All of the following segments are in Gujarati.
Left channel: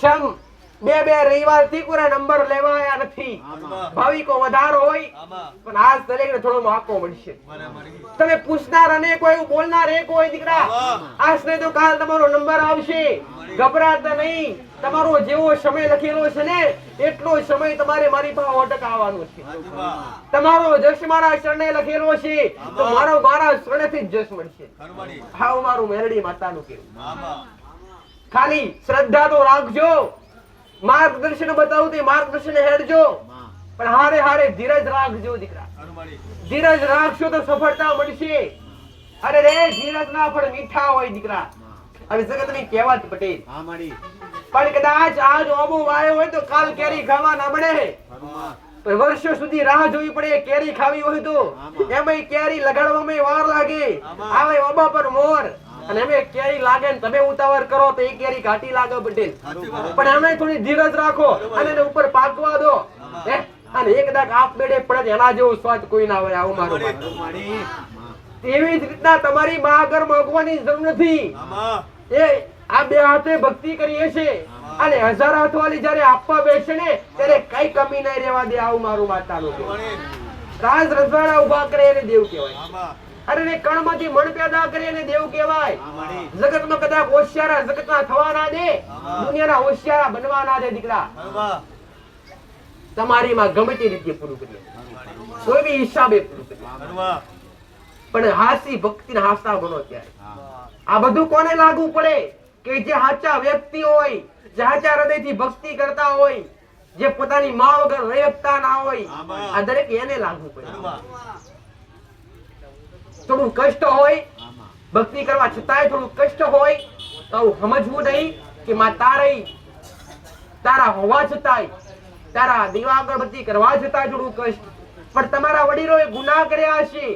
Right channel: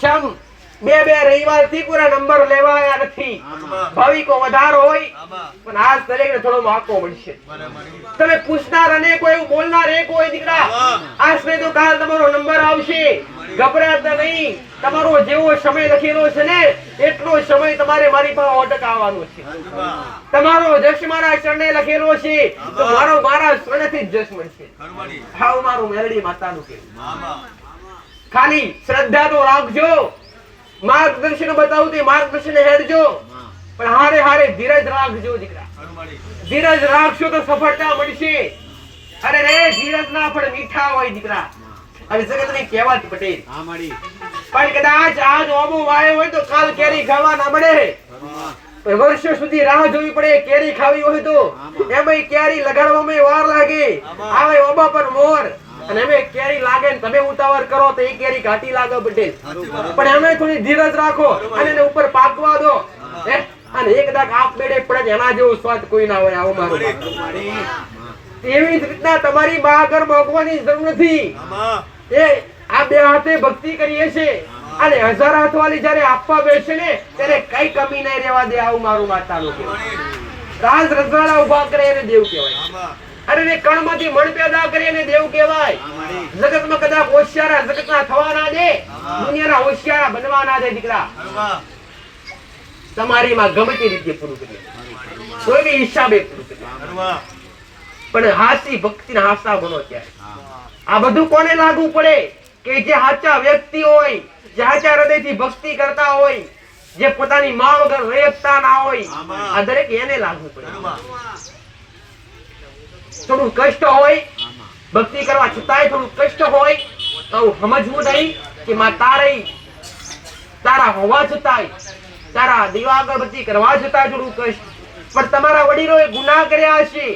શમ બે બે રવિવારથી પૂરા નંબર લેવાયા નથી. ભાવિકો વધારો હોય પણ આજ દરેકને થોડો મોકો મળશે. તમે પૂછનાર અને કોઈ એવું બોલનાર એક હોય દીકરા આજને તો કાલ તમારો નંબર આવશે. ગભરાતા નહીં. તમારો જેવો સમય લખેલો છે ને એટલો સમય તમારે મારી પાસે ઓટક આવવાનો છે તમારો જશ મારા શરણે લખેલો છે. તો મારો મારા ચરણેથી જ જશ મળશે. હાવ મારું મેરડી માતાનું કહેવું. ખાલી શ્રદ્ધા તો રાખજો. માર્ગદર્શન બતાવું તે માર્ગદર્શન હેરજો. પણ હારે હારે ધીરજ રાખજો દીકરા. ધીરજ રાખશો તો સફળતા મળશે. અરે રે ધીરજ ના પણ મીઠા હોય દીકરા. અને જગતની કહેવત પટેલ. પણ કદાચ આજ ઓમો વાયો હોય તો કાલ કેરી ખાવા ના મળે. પણ વર્ષો સુધી રાહ જોવી પડે કેરી ખાવી હોય તો. એમાં કેરી લગાડવામાં વાર લાગે. આવે ઓબા પર મોર. અને અમે કેરી લાગે ને તમે ઉતાવળ કરો તો એ કેરી ઘાટી લાગે પટેલ પણ અમે થોડી ધીરજ રાખો અને એને ઉપર પાકવા દો. અને એક દાક આપ બેડે પડે એના જેવો સ્વાદ કોઈ ના હોય આવો મારો એવી રીતના તમારી બા આગળ મોગવાની જરૂર નથી. એ આ બે હાથે ભક્તિ કરીએ છે અને હજાર હાથ વાળી જયારે આપવા બેસે ને ત્યારે કઈ કમી નહીં રહેવા દે આવું મારું માતાનું લોકો રાજ રજવાડા ઊભા કરે એને દેવ કહેવાય. અરે ને કણમાંથી મણ પેદા કરી અને દેવ કહેવાય. જગતમાં કદાચ હોશિયારા જગતના થવા ના દે દુનિયાના હોશિયારા બનવાના દે દીકરા. તમારીમાં ગમે તે રીતે પૂરું કરીએ કોઈ બી હિસાબે પૂરું કરીએ પણ હાસી ભક્તિના હાસા બનો ત્યારે આ બધું કોને લાગુ પડે? કે જે સાચા વ્યક્તિ હોય જે સાચા હૃદયથી ભક્તિ કરતા હોય જે પોતાની મા વગર રહેતા ના હોય આ દરેક એને લાગુ પડે. થોડું કષ્ટ હોય ભક્તિ કરવા છતાંય થોડું કષ્ટ હોય તો સમજવું નહીં કે માં તારે તારા હોવા છતાંય તારા દીવા અગરબત્તી કરવા છતાંય થોડું કષ્ટ. પણ તમારા વડીલોએ ગુના કર્યા હશે.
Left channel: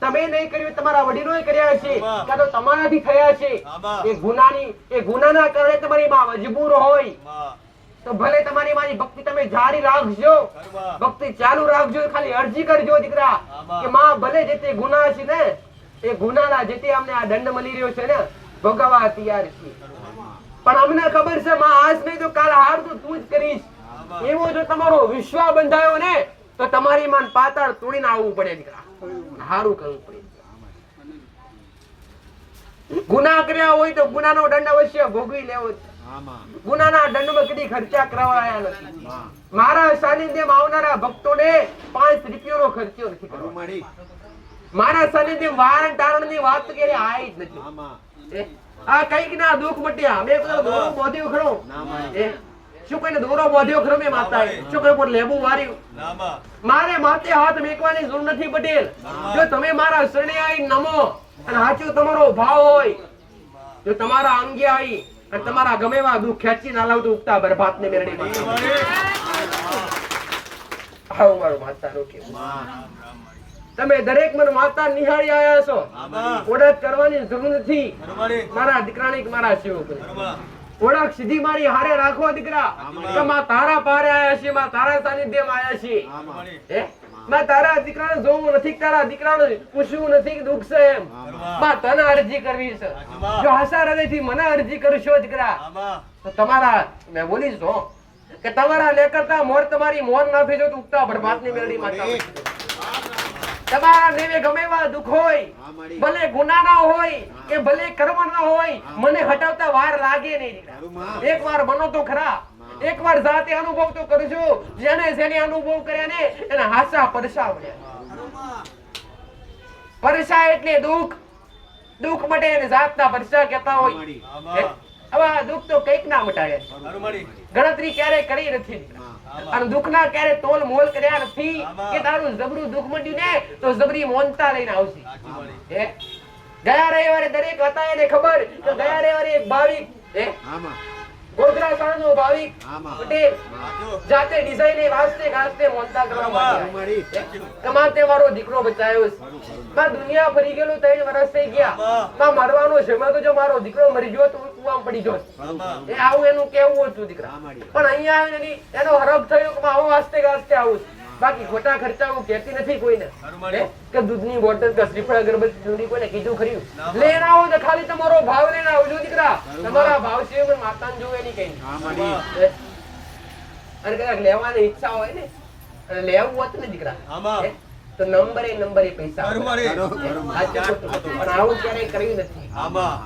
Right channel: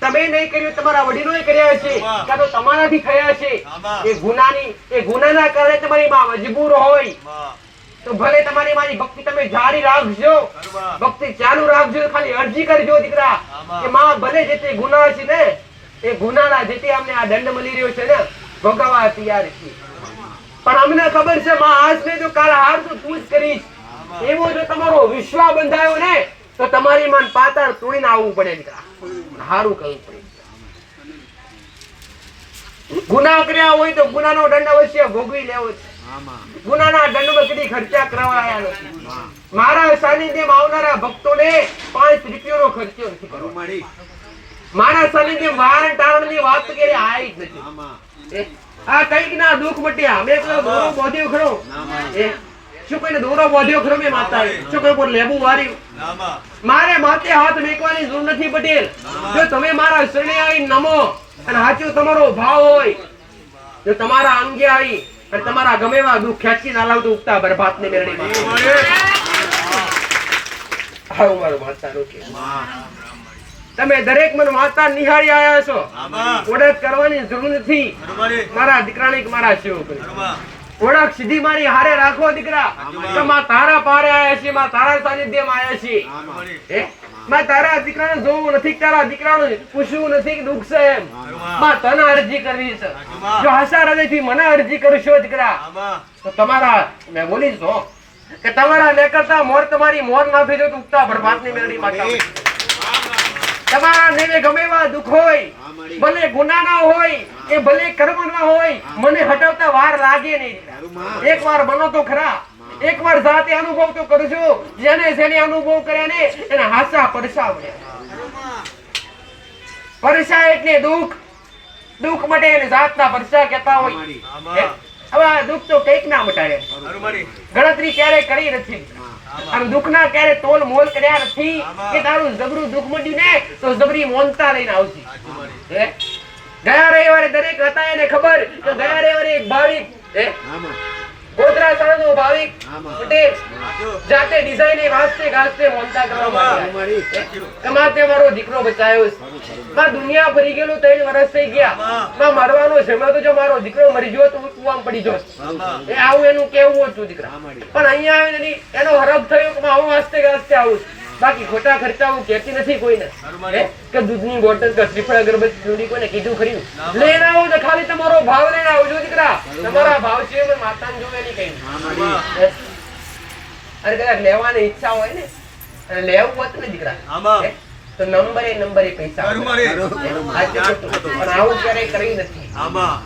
તમે નહીં કર્યું તમારા વડીલોએ કર્યા છે કાં તો તમારાથી થયા છે એ ગુનાની એ ગુનાના કારણે તમારી માં મજબૂર હોય. તો ભલે તમારી મારી ભક્તિ તમે જારી રાખજો. ભક્તિ ચાલુ રાખજો ખાલી અરજી કરજો દીકરા. કે માં ભલે જે તે ગુના છે ને એ ગુનાના જે તે અમને આ દંડ મળી રહ્યો છે ને ભોગવવા તૈયાર છીએ. પણ અમને ખબર છે માં આજ નહીં તો કાલ હાર તો તું જ કરીશ. એવો જો તમારો વિશ્વાસ બંધાયો ને તો તમારી મન પાતાળ તોડીને આવવું પડે દીકરા. હારું કરવું પડે ગુના કર્યા હોય તો ગુનાનો દંડ અવશ્ય ભોગવી લેવો છે ગુનાના દંડમાં કદી ખર્ચા કરાવાયા નથી. મારા સાનિધ્યમાં આવનારા ભક્તોને પાંચ રૂપિયાનો ખર્ચો નથી. મારા સાનિધ્યમાં વારણ ટારણની વાત ક્યારેય આવી જ નથી. આ કંઈક ના દુઃખ મટ્યા. મેં કોઈ દોરો બોધ્યો ખરો. શું કોઈને દોરો બોધ્યો ખરો મેં માતા શું કોઈ પર લેબુ વાર્યું? મારે માથે હાથ મેકવાની જરૂર નથી પટેલ. જો તમે મારા શરણે આવી નમો અને સાચું તમારો ભાવ હોય જો તમારા અંગે આવી અને તમારા ગમે એવા દુઃખ ખેંચી ના લાવતો ઉગતા બરબાદ ને મેરડી આવું મારું માતાનું કે તમે દરેક મને માતા નિહાળી આયા છો. ઓળખ કરવાની જરૂર નથી. મારા દીકરાની મારા સેવકની ઓળખ સીધી મારી હારે રાખો દીકરા. તારા પારે આયા છે, માં તારા સાનિધ્યમાં આવ્યા છે. હે? માં તારા દીકરાને જોવું નથી તારા દીકરાને પૂછવું નથી કે દુઃખ છે એમ. માં તને અરજી કરવી છે. જો આશા હૃદયથી મને અરજી કરશો દીકરા તો તમારા મેં બોલી છો કે તમારા લેકરતા મોર તમારી મોર ના થઈ જો ઉગતા બરબાદની મેળડી માતા તમારા નેવે ગમે એવા દુઃખ હોય ભલે ગુના ના હોય કે ભલે કર્મ ના હોય મને હટાવતા વાર લાગે નહીં એક વાર બનો તો ખરા. એક વાર જાતે અનુભવ તો કરજો. જેને જેને અનુભવ કર્યા ને એને હાસા પરસા પરસા એટલે દુઃખ. દુઃખ માટે એને જાતના પરસા કહેતા હોય. હવે આ દુઃખ તો કંઈક ના મટાડે. ગણતરી ક્યારે કરી નથી. આમ દુઃખના ક્યારે તોલ મોલ કર્યા નથી કે તારું જબરું દુઃખ મળ્યું ને તો જબરી મોનતા લઈને આવશે ગયા રવિવારે દરેક હતા એને ખબર કે ગયા રવિવારે એક ભાવિક હે? ગોધરા સાણનો ભાવિક પટેલ જાતે ડિઝાઇન વાસ્તે ગાસ્તે મોનતા કરવા માટે કમાતે મારો. દીકરો બચાયો છે. માં દુનિયા ભરી ગયેલું ત્રણ વર્ષ થઈ ગયા. માં. મરવાનો છે. મેં તો જો મારો દીકરો મરી ગયો તો હું કુવામાં પડી જો એ આવું એનું કેવું હતું દીકરા. પણ અહીંયા આવીને એનો હરફ થયો કે હું આવું વાસ્તે ગાસ્તે આવું છું. બાકી ખોટા ખર્ચા હું કહેતી નથી કોઈને. કે દૂધની બોટલ કે શ્રીફળ અગરબત્તી જોડી કોઈને કીધું ખરી? લઈને આવો તો ખાલી તમારો ભાવ લઈને આવજો દીકરા. તમારા ભાવ છે તો માતાને જોવે નહીં કઈ. અરે કદાચ લેવાની ઈચ્છા હોય ને અને લેવું હોત ને દીકરા. આમાં. તો નંબર એ નંબર એ પૈસા આવું ક્યારેય કરી નથી. આમાં.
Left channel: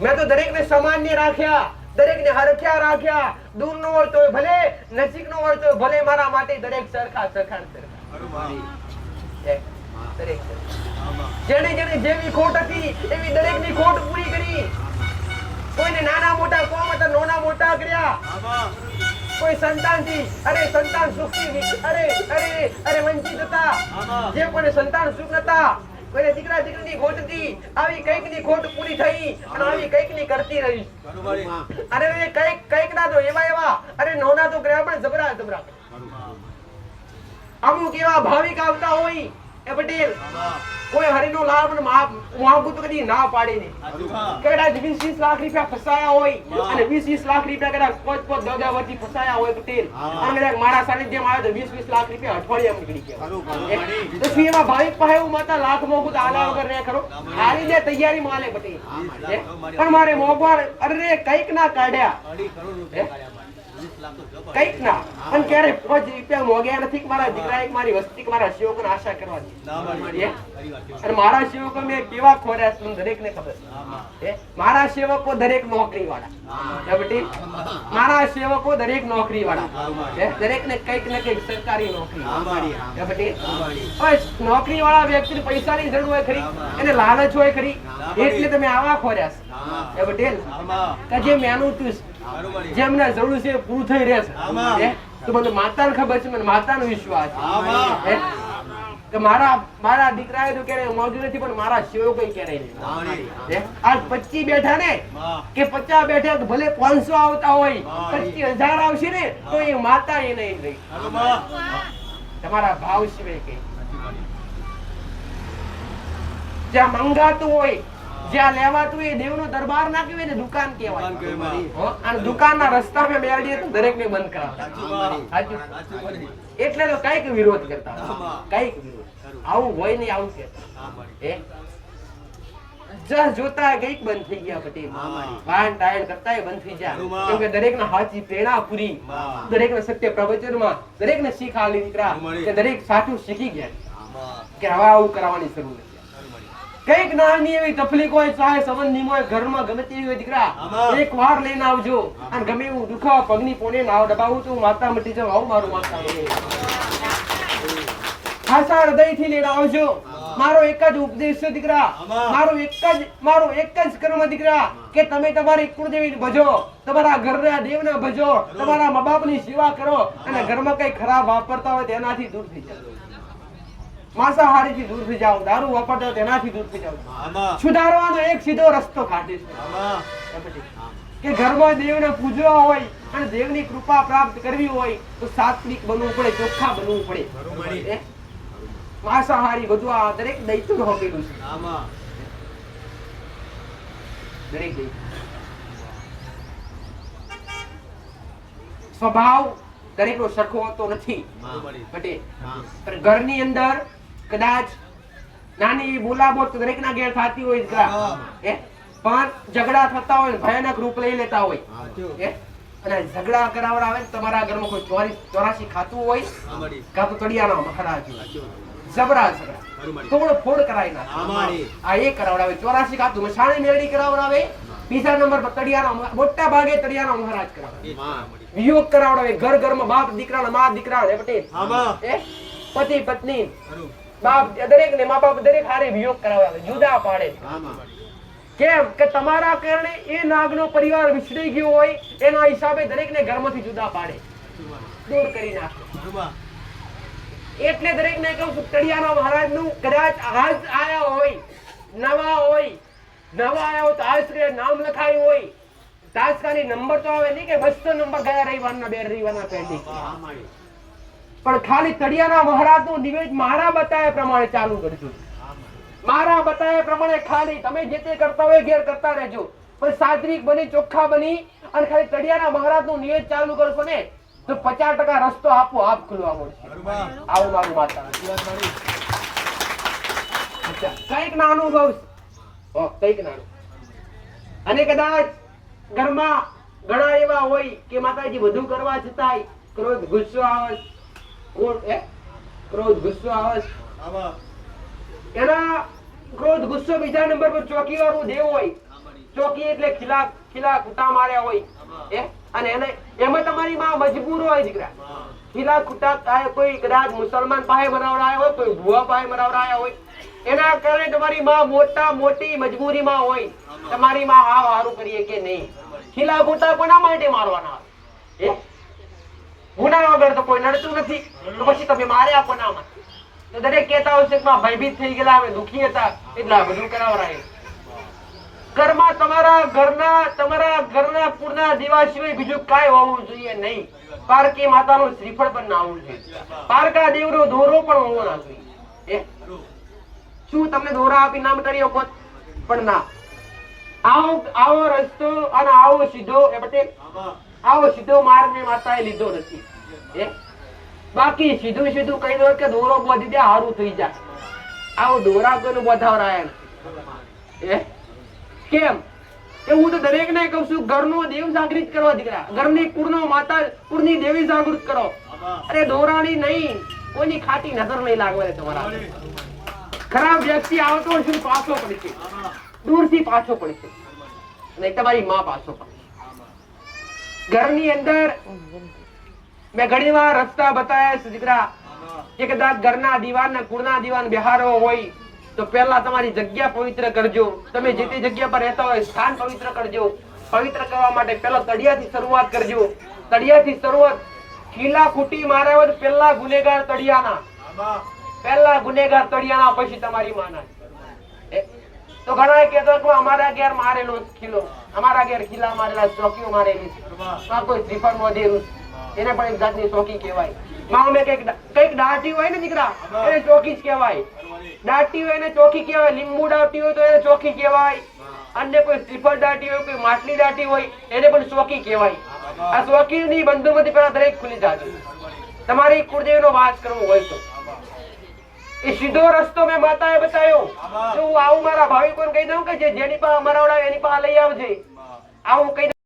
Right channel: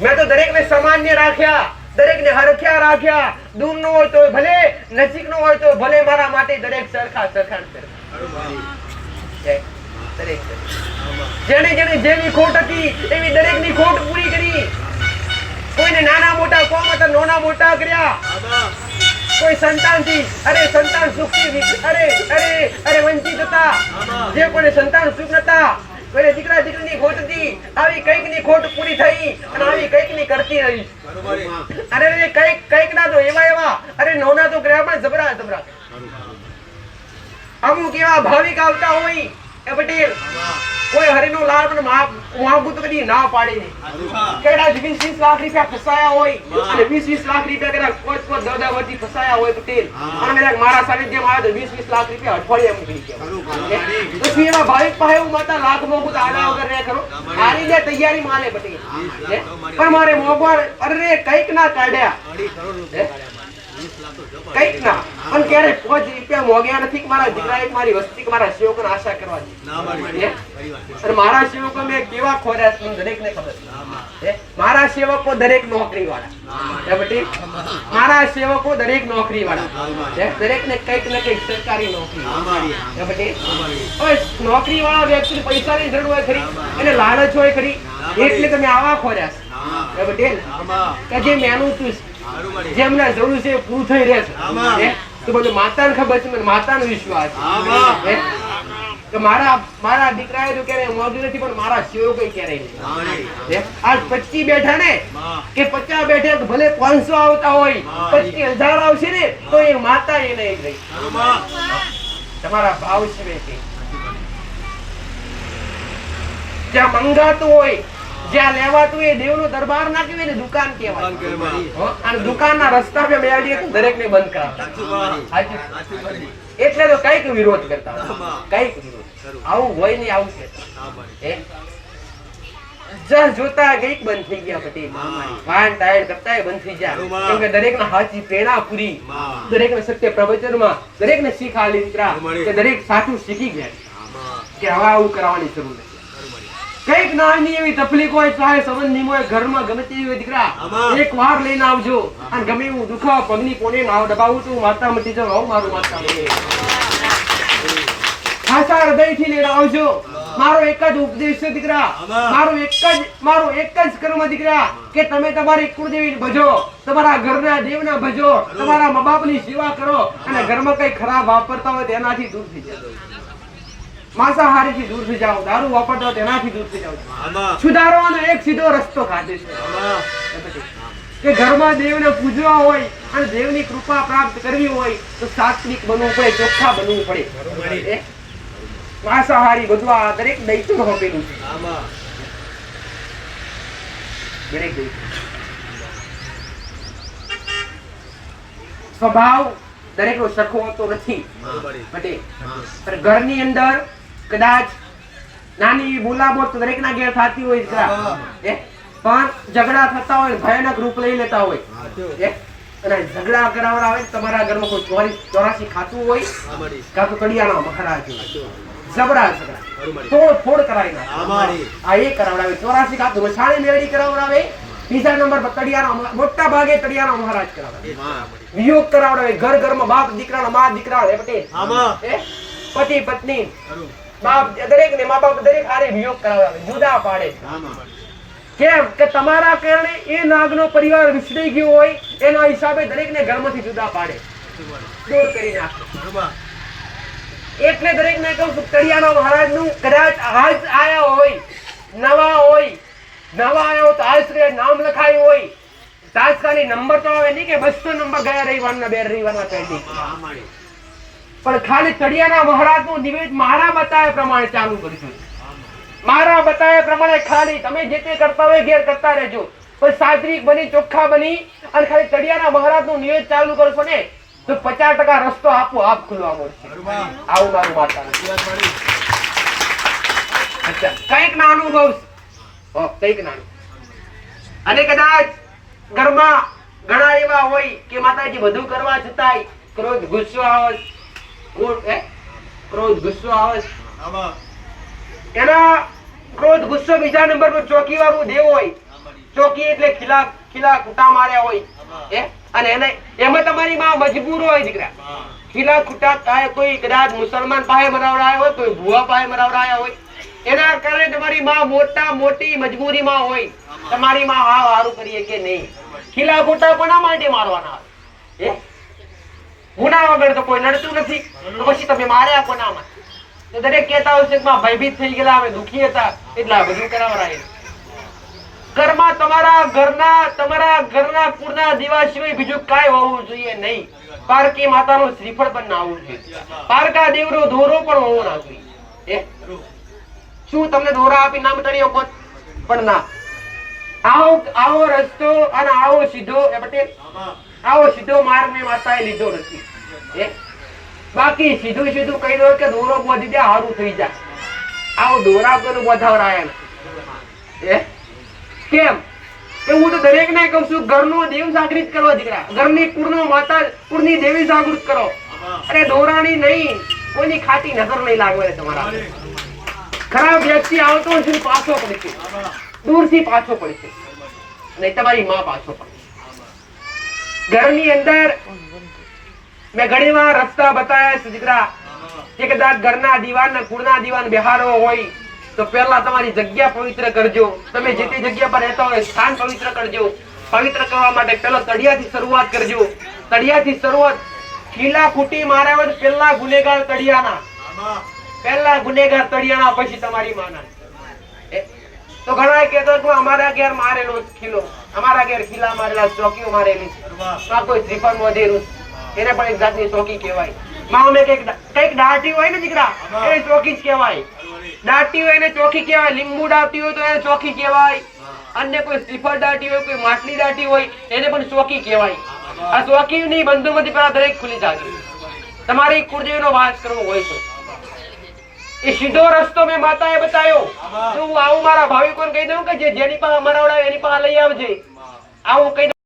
મેં તો દરેકને સામાન્ય રાખ્યા. દરેકને હરખ્યા રાખ્યા. દૂરનો હોય તો ભલે, નજીકનો હોય તો ભલે મારા માટે દરેક સરખા સરખા જેને જેને જેવી ખોટ હતી, એવી દરેકની ખોટ પૂરી કરી. કોઈને નાના મોટા કોમ હતા, નાના મોટા કર્યા. કોઈ કોઈ સંતાનથી, અરે સંતાન સુખ અરે અરે અરે વંચિત હતા. જે કોઈને સંતાન સુખ નતા કોઈને દીકરા દીકરીની ખોટ હતી. આવી કંઈકની ખોટ પૂરી થઈ અને આવી કંઈકની કરતી રહી. અરે કંઈક કંઈક ના તો એવા એવા. અરે નોના તો પણ જબરા જબરા. અમુક એવા ભાવિક આવતા હોય એ પટેલ કોઈ હરિનો લાભ ને મહાભૂત કદી ના પાડી નહીં. કદાચ વીસ વીસ લાખ રૂપિયા ફસાયા હોય અને વીસ વીસ લાખ રૂપિયા કદાચ પાંચ પાંચ દસ વર્ષથી ફસાયા હોય પટેલ અને કદાચ મારા સાનિધ્યમાં આવે તો વીસ વીસ લાખ રૂપિયા અઠવાડિયા મૂકી ગયા તો શું એવા ભાવિક પાસે એવું માતા લાખ મોંઘું તો આડા વગર રહ્યા કરો. મારી જે તૈયારી માલે પટેલ પણ મારે મોંઘવાર અરે કંઈક ના કાઢ્યા. તો. કંઈક ના. પણ ક્યારે પાંચ રૂપિયા મોગ્યા નથી મારા દીકરા એક મારી વસ્તી મારા સેવકો આશા કરવાની ના. અને મારા સેવકો મેં કેવા ખોર્યા છે દરેકને ખબર છે. આમાં. હે? મારા સેવકો દરેક નોકરી વાળા મારા સેવકો દરેક નોકરી વાળા દરેક ને કંઈક ને કંઈક સરકારી નોકરી. નોકરી વાળા વ્યક્તિ પૈસા ની જરૂર હોય ખરી અને લાલચ હોય ખરી. એટલે તમે આવા ખોર્યા. છે. જે મેનું છે ખરું મારી. જે એમને જરૂર છે પૂરું થઈ રહે છે. તો બધું માતાને ખબર છે માતાનો વિશ્વાસ છે. કે મારા મારા દીકરાએ તો ક્યારેય મોંઘું નથી પણ મારા સેવકો ક્યારેય નહીં. આજ પચી બેઠા ને કે પચાસ બેઠા ભલે પાંચસો આવતા હોય પચી હજાર આવશે ને તો એ માતા એ નહીં રહી તમારા ભાવ સિવાય કે. જ્યાં મંગાતું હોય જ્યાં લેવાતું એ દેવનો દરબાર ના કહેવાય ને દુકાન કહેવાય. અને દુકાનના રસ્તા પે મેળવીએ તો દરેકને બંધ કરાવતા. એટલે તો કંઈક વિરોધ કરતા કંઈક વિરોધ. આવું હોય ને આવું કહેતા આમાં. જોતા કંઈક બંધ થઈ ગયા પટેલ. વાન ટાયર કરતાંય બંધ થઈ ગયા. બરોબર. કેમ કે દરેકને હાચી પ્રેરણા પૂરી. દરેક ને સત્ય પ્રવચનમાં દરેકને શીખ આલી દીકરા બરોબર. કે દરેક સાચું શીખી ગયા. કે હવે આવું કરવાની જરૂર નથી. કંઈક નાની એવી તકલીફ હોય ચાહે સંબંધી હોય ઘરમાં ગમે તેવી હોય દીકરા એક વાર લઈને આવજો. અને ગમે એવું દુઃખ પગની પોને નાવ દબાવું તો માતા મટી જાઉં આવું મારું માતા ખાસા હૃદયથી લઈને આવજો. મારો એક જ ઉપદેશ છે દીકરા. મારો એક જ મારો એક જ કર્મ દીકરા કે તમે તમારી કુળદેવી ભજો તમારા ઘરના દેવના ભજો તમારા મા બાપની સેવા કરો અને ઘરમાં કઈ ખરાબ વાપરતા હોય તેનાથી દૂર થઈ જાઓ. માંસાહારીથી દૂર થઈ જાઓ દારૂ વાપરતા તેનાથી દૂર થઈ જાઓ. સુધારવાનો એક સીધો રસ્તો ખાતે છે. કે ઘરમાં દેવને પૂજવા હોય અને દેવની કૃપા પ્રાપ્ત કરવી હોય તો સાત્વિક બનવું પડે ચોખ્ખા બનવું પડે. માંસાહારી બધું આ દરેક દૈત્યો હોપેલું છે. દરેક સ્વભાવ દરેકનો સરખો હોતો નથી. ઘરની અંદર કદાચ નાની દરેક દરેકના ઘેર થતી હોય. એ? પણ ઝઘડા થતા હોય ભયાનક રૂપ લઈ લેતા હોય. અને ઝઘડા કરાવડા હોય તમારા ઘરમાં કોઈ ચોરી ચોરાસી ખાતું હોય કાં તો કડિયાના મખડા. જબરા ઝઘડા. તોડ ફોડ કરાવી નાખે. આ એ કરાવડાવે. ચોરાસી ખાતું મસાણી મેળડી કરાવડાવે. બીજા નંબર પર તળિયાનો મોટા ભાગે તળિયાનો મહારાજ આમાં. વિયોગ કરાવડાવે. ઘર ઘરમાં બાપ દીકરાના મા દીકરા? પતિ પત્ની. દરેક ને મા બાપ દરેક હારે વિયોગ કરાવે જુદા પાડે કેમ કે તમારા કારણે એ નાગનો પરિવાર વિસરી ગયો હોય, એના હિસાબે દરેકને ઘરમાંથી જુદા પાડે દૂર કરી નાખે. એટલે દરેકને કહું છું, તળિયાના મહારાજનું કદાચ હાજ આયા હોય, નવા હોય, નવા આયા હોય તો આશ્રય નામ લખાયું હોય તાત્કાલિક નંબર તો આવે નહીં કે બસો નંબર ગયા રવિવારના, બે રવિવારના પેન્ડિંગ. પણ ખાલી તળિયાના મહારાજનું નિવેદ મારા બતાવ્યા પ્રમાણે ચાલુ કરીશું મારા બતાવ્યા પ્રમાણે ખાલી તમે જે તે કરતા હોય ઘેર કરતા રહેજો. પણ સાત્વિક બની, ચોખ્ખા બની અને ખાલી તળિયાના મહારાજનું નિવેદ ચાલુ કરશો ને, તો પચાસ ટકા રસ્તો આપો, આપ ખુલવા મળશે. આવું મારું. અચ્છા, કંઈક ના અનુભવ કંઈક નાનું. અને કદાચ ઘરમાં ઘણા એવા હોય કે માતાજી બધું કરવા છતાંય ક્રોધ ગુસ્સો આવે. ક્રોધ ગુસ્સો આવે છે. એના ક્રોધ ગુસ્સો બીજા નંબર પર ચોકી વાળું દેવ હોય. ચોકી એટલે ખીલા ખીલા કૂટા માર્યા હોય? અને એને એમાં તમારી માં મજબૂર હોય દીકરા. ખીલા ખૂટા કાંઈ કોઈ કદાચ મુસલમાન પાસે મરાવડાયા હોય કોઈ ભુવા પાસે મરાવડાયા હોય. એના કારણે તમારી માં મોટા મોટી મજબૂરીમાં હોય. તમારી માં હા હારું કરીએ કે નહીં? ખીલા ખોટા કોના માટે મારવાના? આવે? ગુના વગર તો કોઈ લડતું નથી. તો પછી તમે માર્યા કોના માટે? તો દરેક કહેતા છે કે ભયભીત થઈ ગયેલા, અમે દુખી હતા. એટલે આ બધું કરાવરાય ઘરમાં તમારા ઘરના તમારા ઘરના કુળના દીવા સિવાય બીજું કાંઈ હોવું જોઈએ નહીં. પારકી માતાનું શ્રીફળ પણ ના હોવું જોઈએ. પારકા દેવનો દોરો પણ હોવો ના જોઈએ. શું તમને દોરા આપી નામ કરી પણ ના. આવો આવો રસ્તો અને આવો સીધો, એ પટેલ. આવો સીધો માર્ગ મેં માતાએ લીધો નથી. બાકી સીધું સીધું કહી દો કે દોરો બોધી દે, હારું થઈ જાય. આવો દોરા કોઈનું બોધાવરાય એ કેમ? કે હું તો દરેક ને કહું છું, ઘરનો દેવ જાગૃત કરો દીકરા. ઘરની કુળનો માતા, કુળની દેવી જાગૃત કરો. અરે દોરાની નહીં, કોઈની ખાતી નજર નહીં લાગવા તમારા ખરાબ વ્યક્તિ આવતો પાછો પડશે. દૂર દૂરથી પાછો પડશે. નહીં તમારી માં પાછો પડશે. ઘરની અંદર મેં ઘણી વાર રસ્તા બતાવ્યા છે દીકરા કે કદાચ ઘરના દીવાન ને કુળના દીવાન બિહારો હોય તો પહેલા તમારી જગ્યા પવિત્ર કરજો તમે જે તે જગ્યા પર રહેતા હોય સ્થાન પવિત્ર કરજો પવિત્ર કરવા માટે પહેલા તળિયાથી શરૂઆત કરજો તળિયાથી શરૂઆત ખીલા ખૂટી માર્યા હોય પહેલા ગુનેગાર તળિયાના. પહેલા ગુનેગાર તળિયાના પછી તમારી માના તો ઘણા કહેતો કે અમારા ઘેર મારેલો ખીલો. અમારા ઘેર ખીલા મારેલા ચોકીઓ મારેલી છે. આ કોઈ ત્રિપણ વધેલું એને પણ એક જાતની ચોકી કહેવાય. માં અમે કંઈક કંઈક દાટી હોય ને દીકરા એને ચોકી જ કહેવાય. દાટી હોય એને ચોકી કહેવાય. લીંબુ દાટી હોય તો એને ચોકી કહેવાય. અન્ય કોઈ શ્રીફળ દાટી હોય કોઈ માટલી દાટી હોય એને પણ ચોકી કહેવાય. આ ચોકીની બંધુમતી પેલા દરેક ખુલી જાય તમારી કુળદેવીનો વાસ કરવો હોય છે એ સીધો રસ્તો મેં માતાએ બતાવ્યો. તો હું આવું મારા ભાવિકોને કહી દઉં કે જે જેની પાસે મરાવડાવે એની પાસે લઈ આવજે. આવું કહી